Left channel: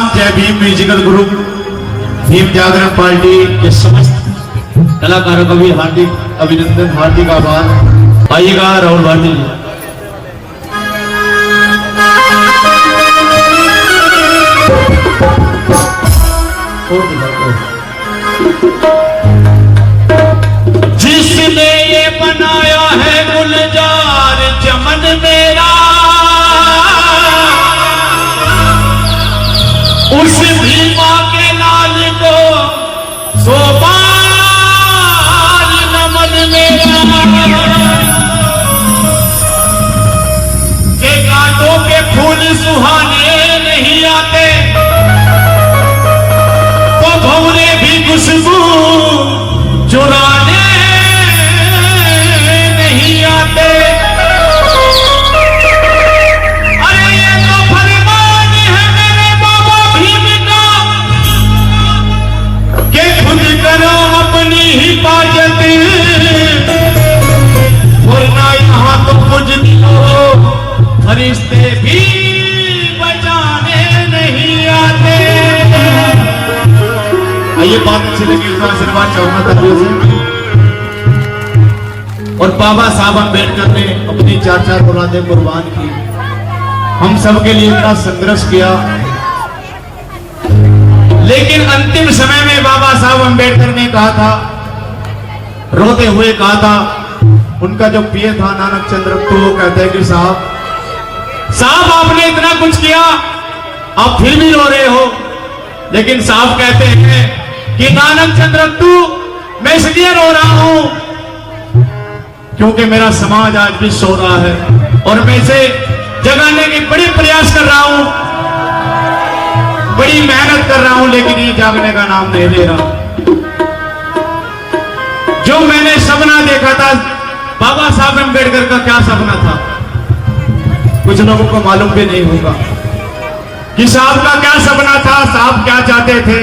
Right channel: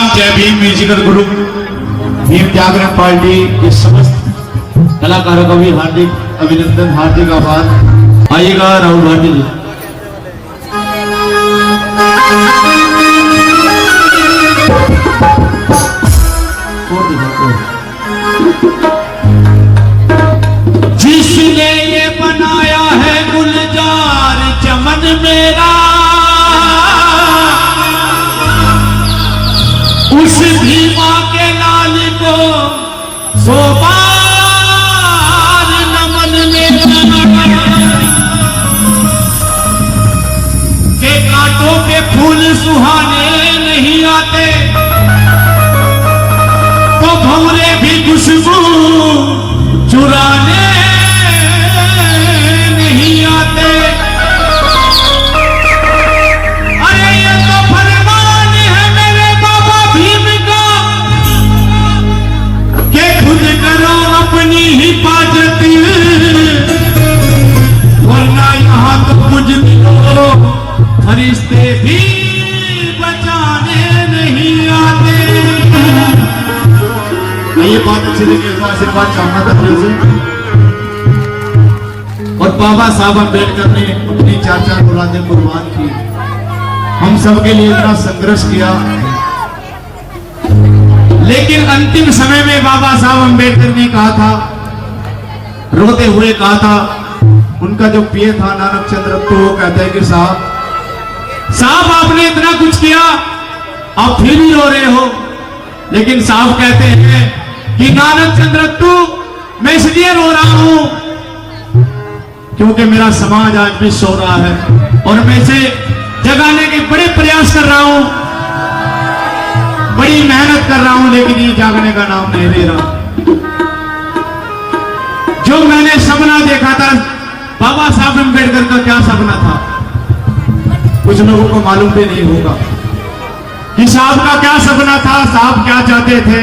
राम। जय Bhim musical group Bhim जागरण party के समस्त कलाकारों का भी हार्दिक अभिनंदन, हार्दिक आभार। आइएगा राहुल भारती जी। जिसने ये बनाया है गुलजार चमन मेरा, उस भीमा के लाल को सोपान नमन मेरा। के कांटों के फूल सुहाने नहीं आते तो भंवरे भी खुशबू चुराने नहीं आते। अरे ये तो फरमान है मेरे बाबा भीम का कि खुद करो अपनी हिफाजत, वरना यहाँ तो कुछ फरिश्ते भी बचाने नहीं आते। ये बात अच्छी लगी तो आशीर्वाद चाहूंगा करने से। और बाबा साहब अम्बेडकर ने अपनी 4-4 औलादें कुर्बान की, हम सब के लिए इतना संघर्ष किया, लेकिन अंतिम समय में बाबा साहब अम्बेडकर ने कहा था, रोते हुए कहा था, उनका जो पीए था नानक चंद्र, तो वो कहते हैं कि साहब आपने इतना कुछ किया, आप फिर भी रो रहे हो। लेकिन साहब कहते हैं कि नानक चंद्र मैं इसलिए रो रहा हूं क्योंकि मेरा समाज आज भी सो रहा है और मैं इसे जगाने के बड़े प्रयास कर रहा हूं, बड़ी मेहनत कर रहा हूं, लेकिन ये जागने का नाम नहीं ले रहा। जो मैंने सपना देखा था, बाबा साहब अम्बेडकर का क्या सपना था, कुछ लोगों को मालूम भी नहीं होगा कि साहब का क्या सपना था, साहब क्या चाहते थे।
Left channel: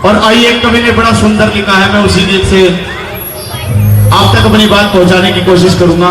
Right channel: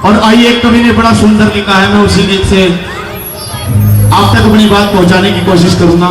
और आइए कवि ने बड़ा सुंदर लिखा है, मैं उसी गीत से आप तक अपनी बात पहुंचाने की कोशिश करूंगा।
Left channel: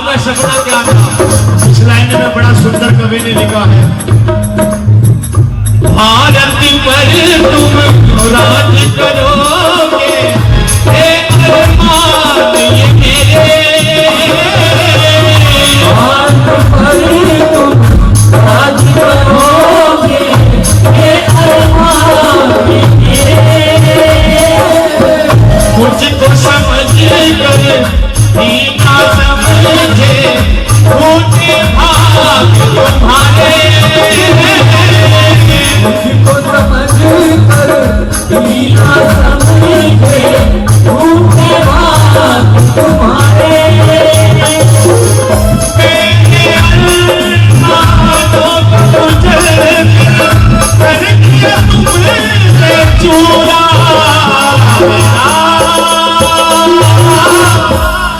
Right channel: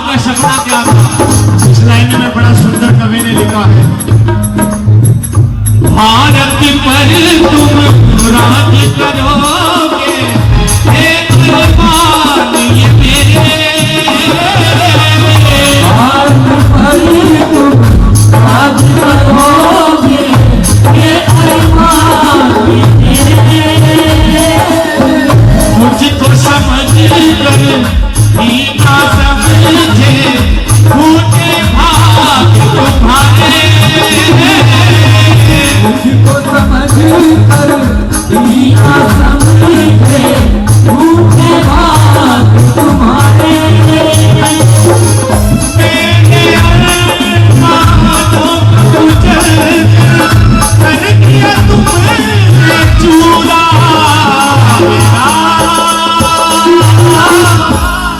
आपका सपना क्या था? इस लाइन में बड़ा सुंदर कवि ने लिखा है, भारत पर तुम राज करोगे, एक अरमान ये मेरे, भारत पर तुम राज करोगे, एक अरमान ये मेरे, मुझको समझ कर नीचा समझे ऊंचे भाग तुम्हारे, मुझको समझ कर नीचा समझे ऊंचे भाग तुम्हारे, मेरे अरमानों को कुचल कर दिया तुमने चूरा,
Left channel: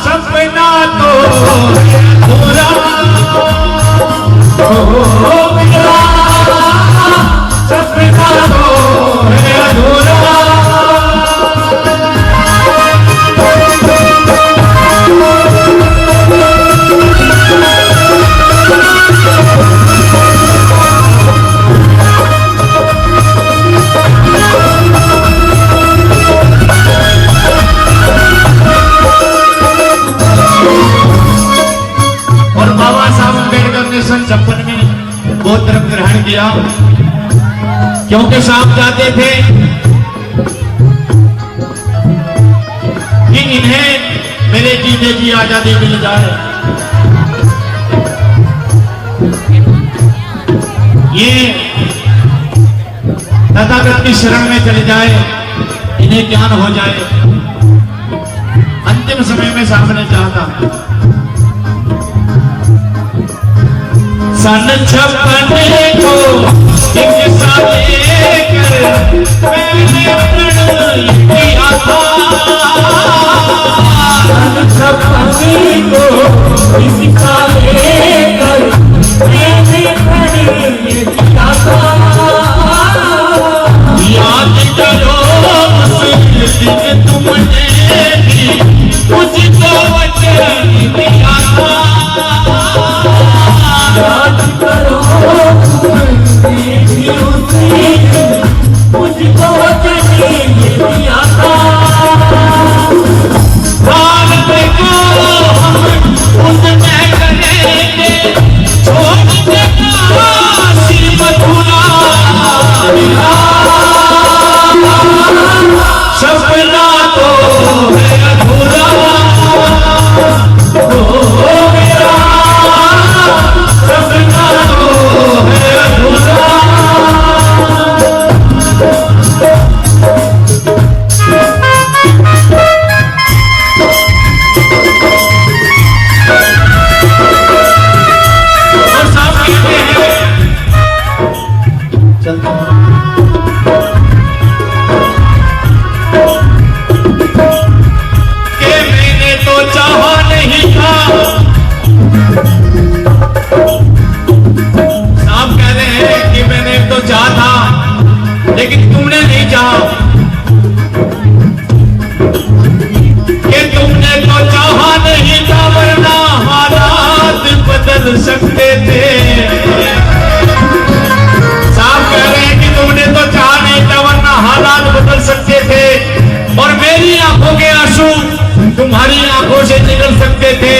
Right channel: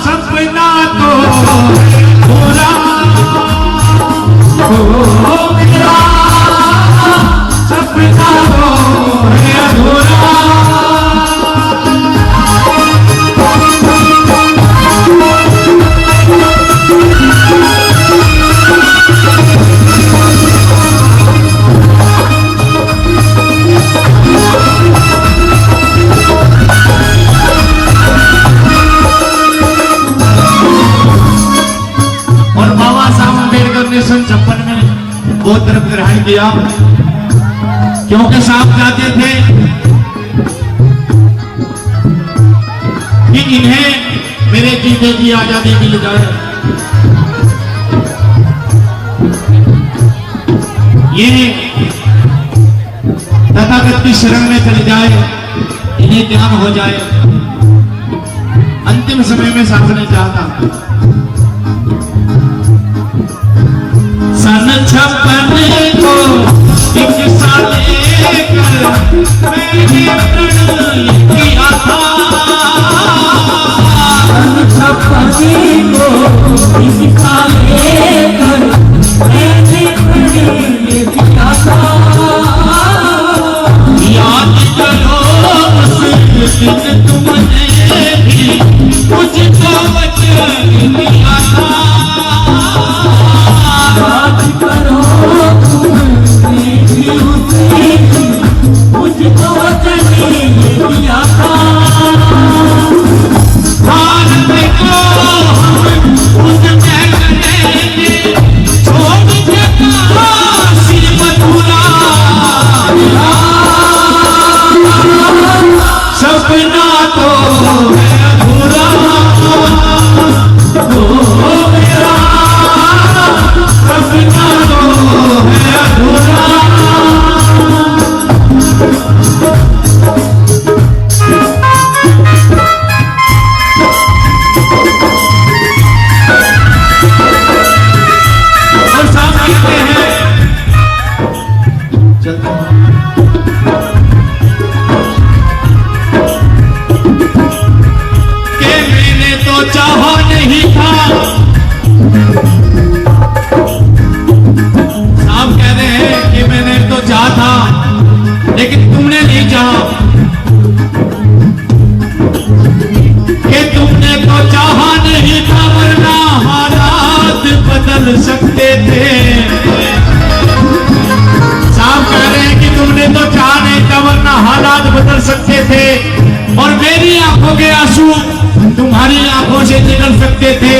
सपना तो पूरा हो गया, सपना तो है पूरा। सन 56 में गोत्र ग्रहण किया, क्योंकि साहब चाहते थे कि इन्हें मेरे जीने की आजादी मिल जाए, ये तथागत की शरण में चले जाए, इन्हें ज्ञान हो जाए। अंतिम समय में साहब ने चाहा सन 56 को हिस्सा लेकर मैंने प्रण किया था, सन 56 को हिस्सा लेकर मैंने प्रण किया था, याद करो उस दिन तुमने भी मुझको वचन दिया था, याद करो तुमने भी मुझको वचन दिया था, भारत को हम उसमें करेंगे छोड़ देना काशी मथुरा, सपना तो है अधूरा हो गया, सपना तो है अधूरा। और साहब कहते हैं, कि मैंने तो चाहा नहीं था, साहब कह रहे हैं कि मैंने तो चाहा था लेकिन तुमने नहीं चाहा, कि तुमने तो चाहा नहीं था वरना हालात बदल सकते थे, साहब कह रहे हैं कि तुमने तो चाहा नहीं था वरना हालात बदल सकते थे, और मेरी आंखों के आंसू तुम्हारी आंखों से निकल सकते थे।